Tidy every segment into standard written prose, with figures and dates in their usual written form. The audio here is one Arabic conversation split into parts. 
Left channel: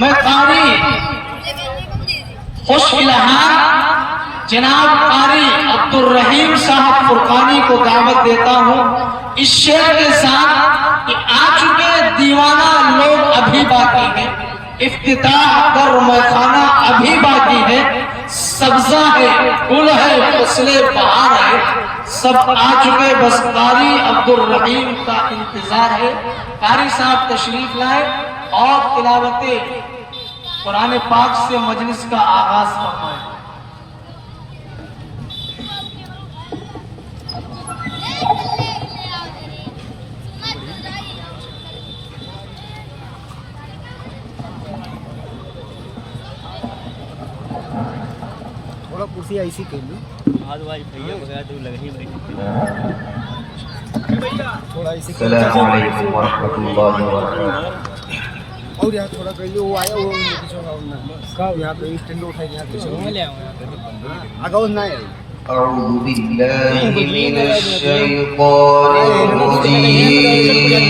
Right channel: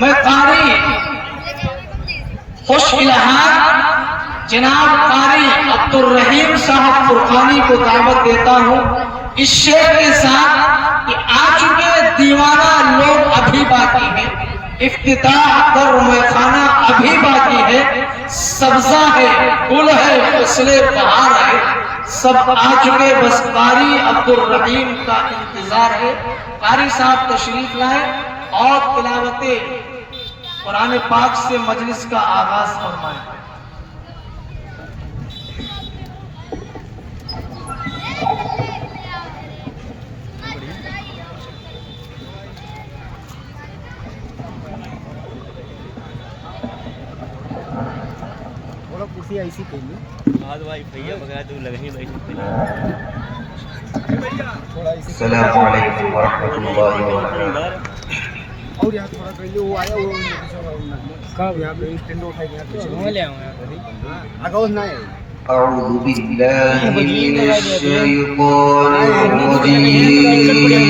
मैं कारी खुश इल्हाम जनाब कारी अब्दुल रहीम साहब फुरकानी को दावत देता हूँ इस शेर के साथ कि आ चुके दीवाना लोग अभी बाकी है, इफ्तिताह कर मैखाना अभी बाकी है, सब्जा है गुल है फसले बहार है, सब आ चुके बस कारी अब्दुल रहीम का इंतजार है। कारी साहब तशरीफ लाए और तिलावते कुरान पाक से मजलिस का आगाज फरमाएं। थोड़ा कुर्सी ऐसी कर लो भाई भैया वगैरह तो लगे ही बैठे भैया थोड़ा ऐसी अस्सलामु अलैकुम वरहमतुल्लाहि वबरकातुहू। और यहाँ थोड़ा पहले वो आया वो कब यहाँ पे स्टैंड उठाई यहाँ पे ले आऊँगा आगाउज ना है। अऊज़ु बिल्लाहि मिनश शैतानिर रजीम।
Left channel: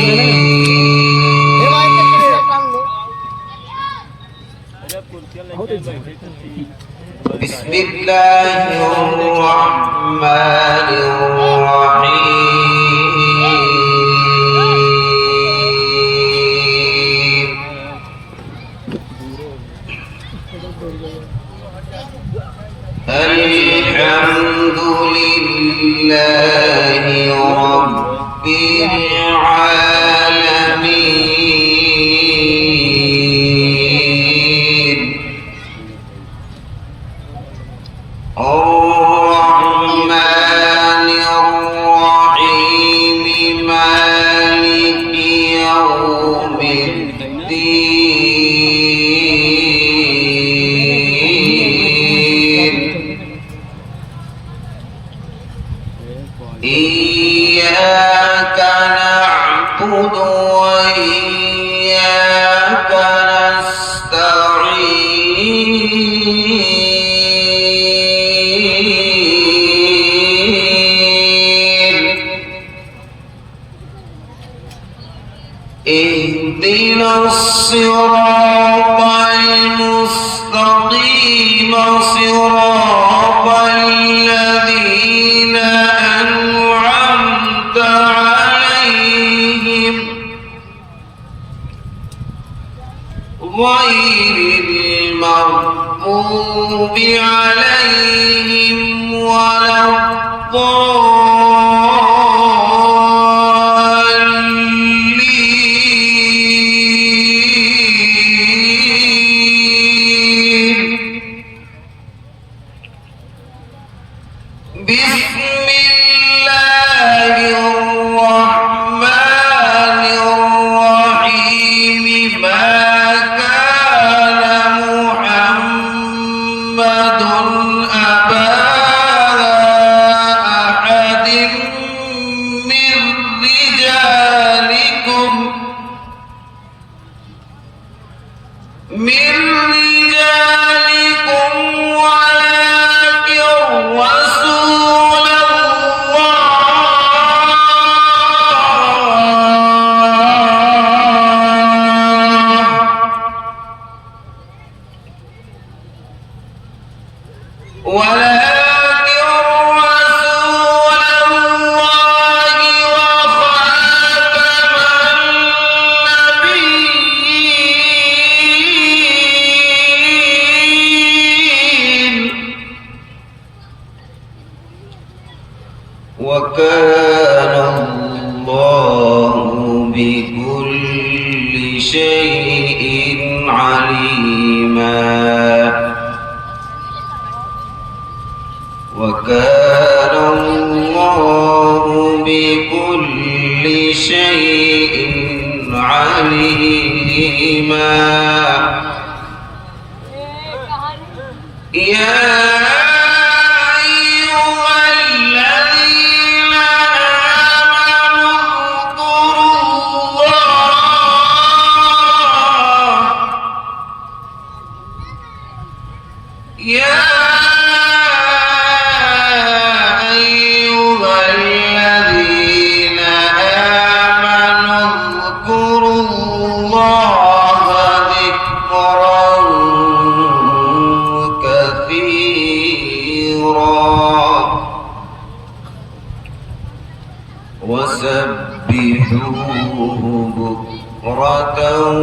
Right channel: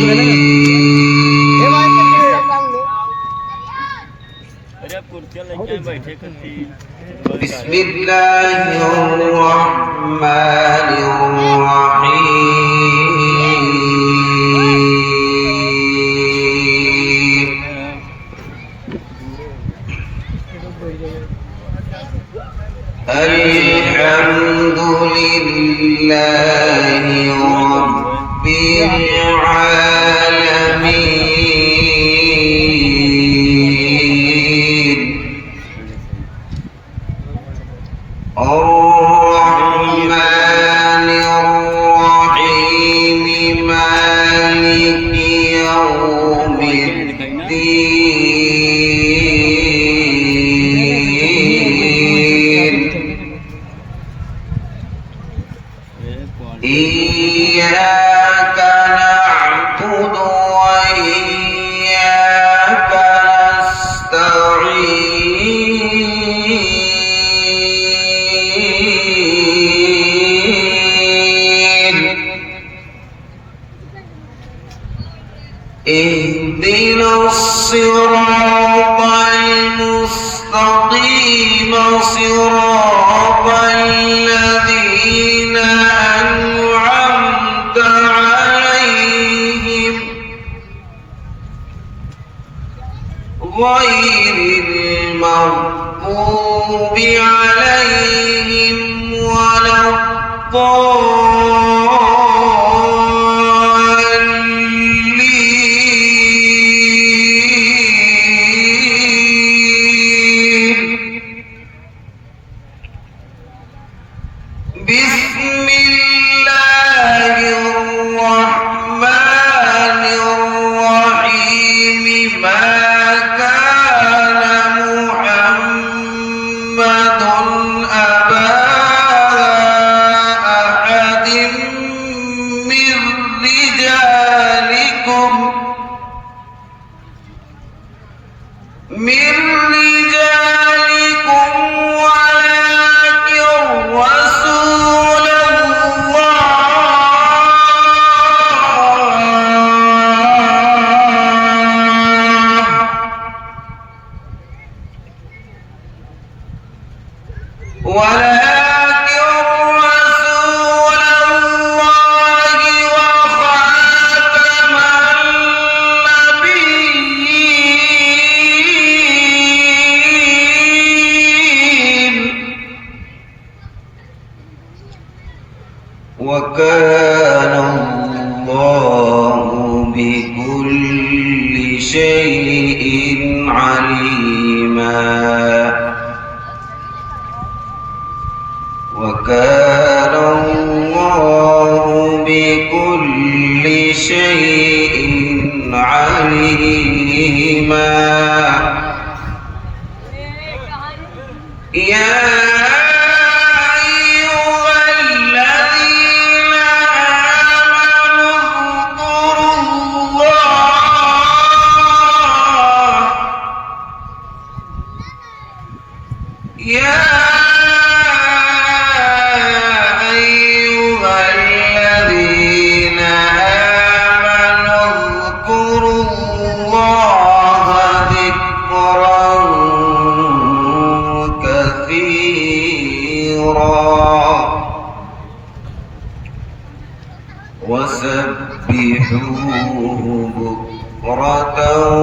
बिस्मिल्लाहिर रहमानिर रहीम। अल्हम्दुलिल्लाहि रब्बिल आलमीन अर्रहमानिर रहीम मालिकि यौमिद्दीन إياك نعبد وإياك نستعين اهدنا الصراط المستقيم صراط الذين أنعمت عليهم غير المغضوب عليهم ولا الضالين. بسم الله الرحمن الرحيم ما كان محمد أبا أحد من رجالكم ولكن رسول الله وخاتم النبيين وكان الله بكل شيء عليما وكان الله بكل شيء عليما يا أيها الذين آمنوا اذكروا الله يا أيها الذين آمنوا اذكروا الله ذكرا بكرة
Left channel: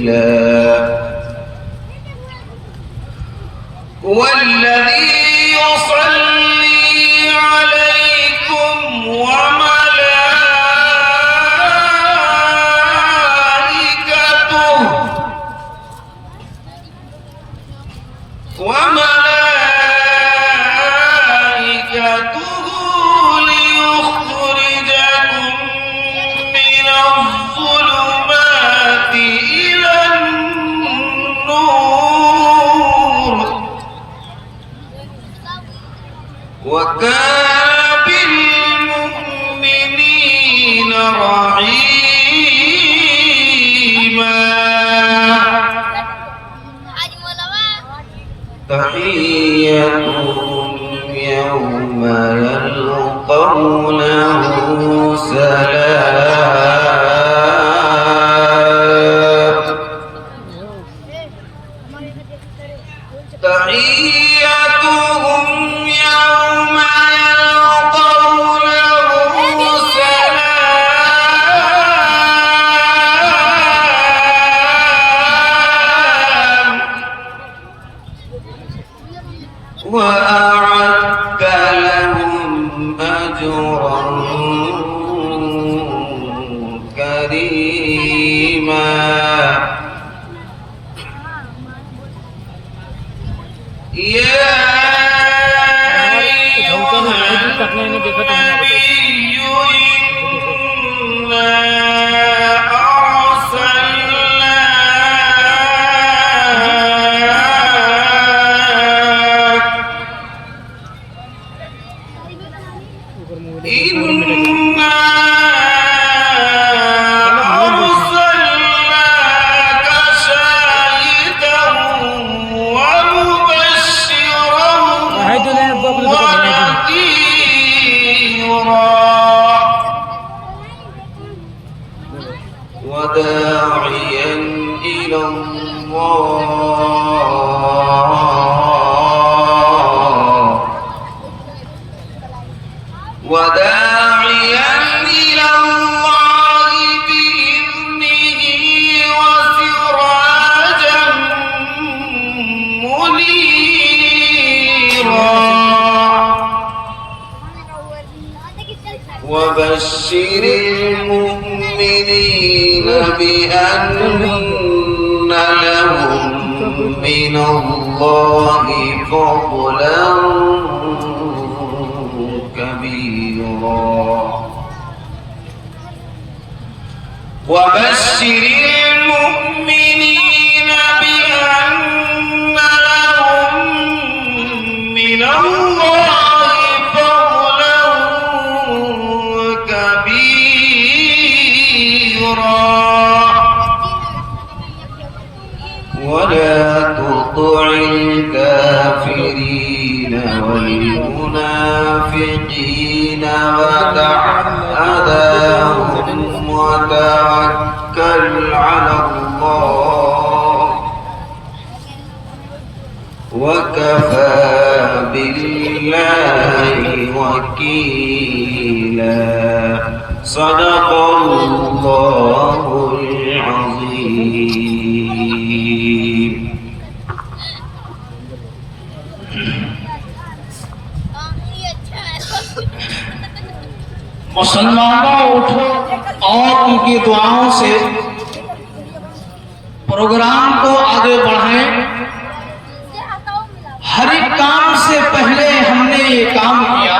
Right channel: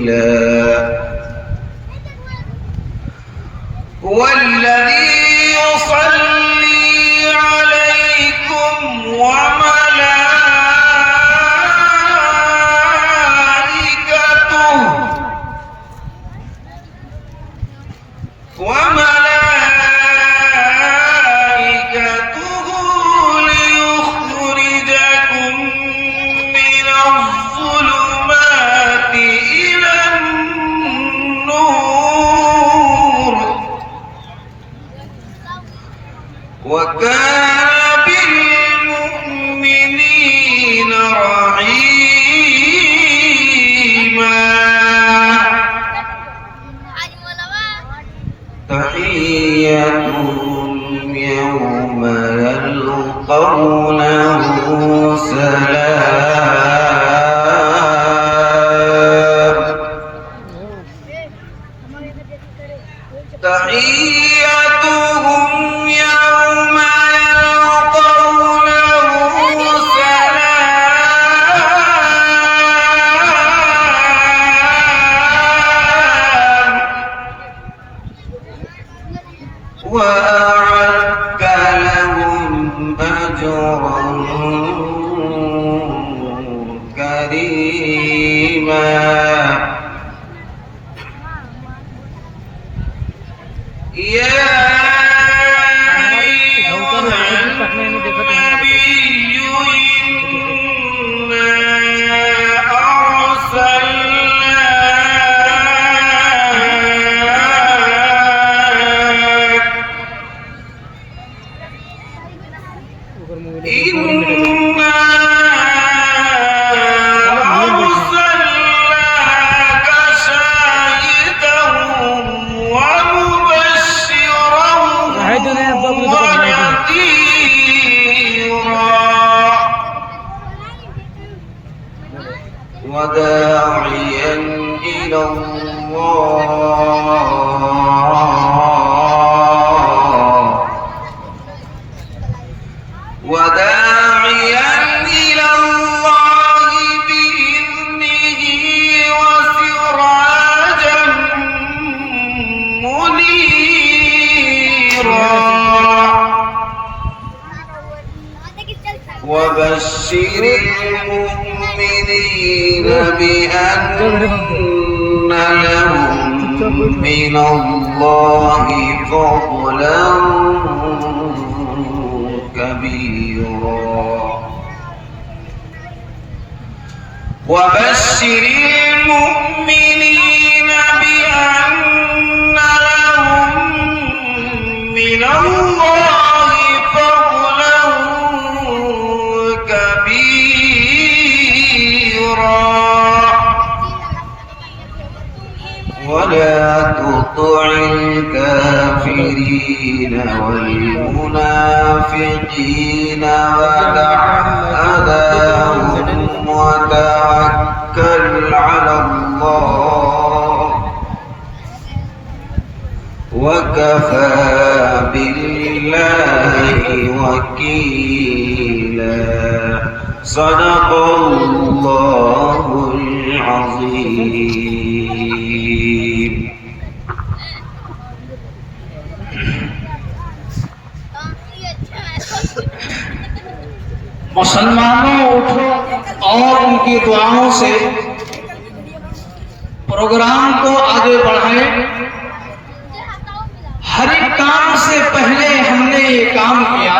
وأصيلا والذي يصلي عليكم وملائكته ليخرجكم من الظلمات إلى النور وكان بالمؤمنين رحيما تحيتهم يوم يلقونه سلام تحيتهم يوم يلقونه سلام وأعد لهم أجرا كريما يا أيها النبي إنا أرسلناك شاهدا ومبشرا ونذيرا وداعيا إلى الله وداعيا إلى الله بإذنه وسراجا منيرا وبشر المؤمنين بأن لهم من الله فضلا كبيرا وبشر المؤمنين بأن لهم من الله فضلا كبيرا ولا تطع الكافرين والمنافقين ودع أذاهم وتوكل على الله وكفى بالله وكيلا صدق الله العظيم मुसलमानों उठो और उनकी दुआओं से प्रोग्राम को आगे बढ़ाएं। हर एक काम से पहले हमने ये काम किया,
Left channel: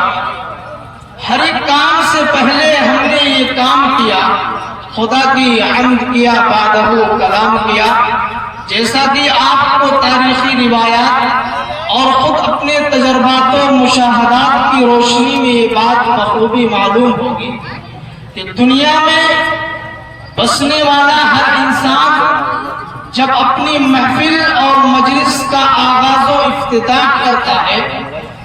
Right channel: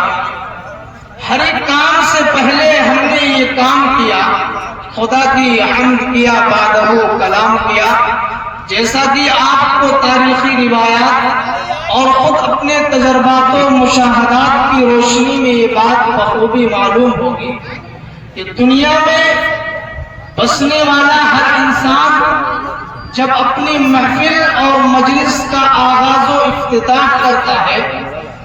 हर एक काम से पहले हमने ये काम किया, खुदा की हम्द किया, बादहू कलाम किया। जैसा कि आपको तारीखी रिवायात और खुद अपने तजर्बात और मुशाहदात की रोशनी में ये बात बखूबी मालूम होगी कि दुनिया में बसने वाला हर इंसान जब अपनी महफिल और मजलिस का आगाज और इफ्तिताह करता है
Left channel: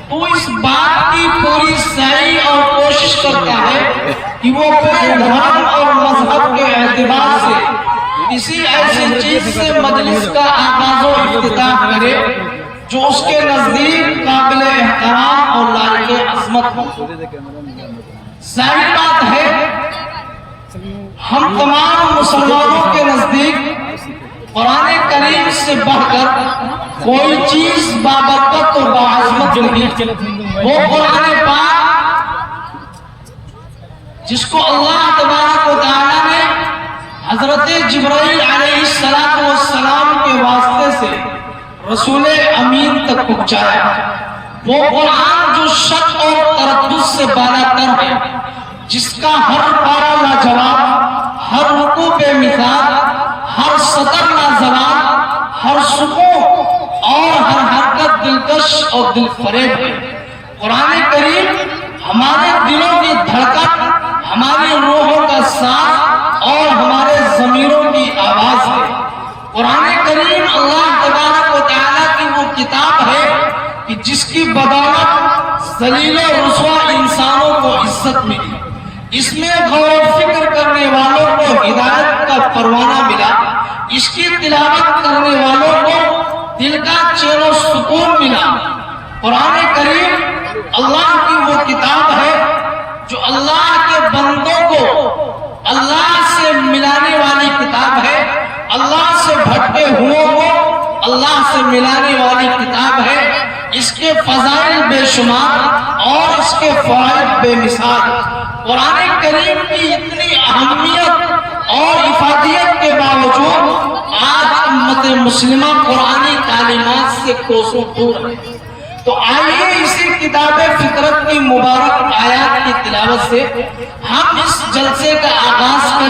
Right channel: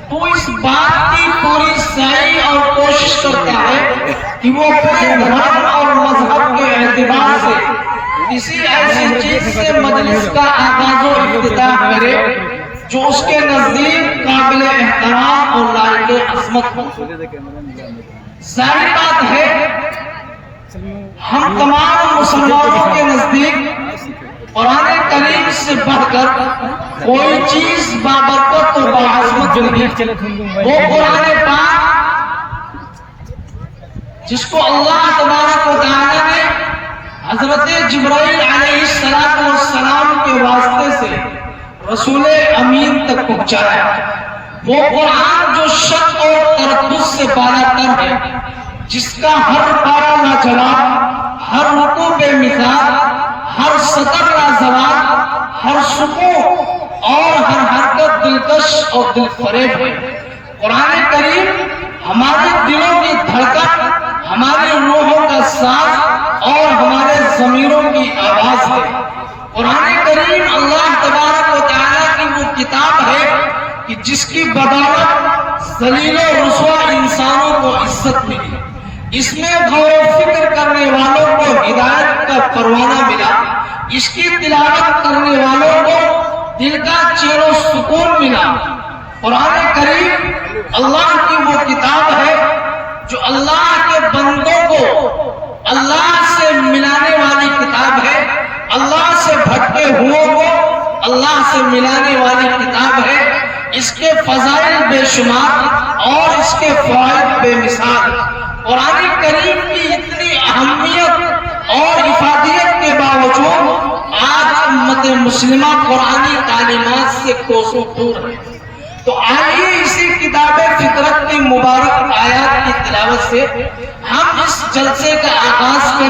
तो इस बात की पूरी साई और कोशिश करता है कि वो अपने धर्म और मजहब के एतबार से किसी ऐसी चीज से मजलिस का आगाज और इफ्तिताह करे جو اس کے نزدیک قابل احترام اور لائق عظمت ہو۔ ظاہر بات ہے ہم تمام مسلمانوں کے نزدیک قرآن کریم سے بڑھ کر کوئی چیز بابرکت اور باعظمت نہیں۔ وہ قرآن پاک جس کو اللہ تبارک و تعالیٰ نے حضرت جبرائیل علیہ السلام کے واسطے سے رسول امین تک پہنچایا، وہ قرآن جو شک اور تردد سے بالا تر ہے، جس کا ہر پارہ لاجواب، ہر رکوع بے مثال، ہر سطر لاجواب، ہر سکون اور ہر حرکت دلکش اور دل فریب ہے۔ قرآن کریم ہمارے دلوں کی دھڑکن، ہماری روحوں کا سانس اور ہمارے ضمیروں کی آواز ہے۔ قرآن کریم اللہ تبارک و تعالیٰ کی وہ کتاب ہے کہ جس کی بدولت ذلیل و رسوا انسانوں کو عزت ملی۔ اس میں غور و فکر کرنے والوں کو ہدایت کا پروانہ ملا، اس کی تلاوت کرنے والوں کو دل کا چین و سکون ملا۔ قرآن کریم اللہ کی وہ کتاب ہے جو اللہ کے بندوں کو اللہ سے ملانے والی کتاب ہے، اللہ سے بھٹکے ہوئے کو اللہ سے ملانے والی کتاب ہے۔ اس کے فضائل بے شمار اور اس کے فوائد بے مثال۔ قرآن کریم کی اتنی اہمیت اور افادیت کے باوجود آج امت مسلمہ قرآنی تعلیمات سے کوسوں دور ہے۔ تو آئیے اسی کتاب فطرت کی مبارک آیات کی تلاوت سے ہم اس جلسے کا آغاز کریں۔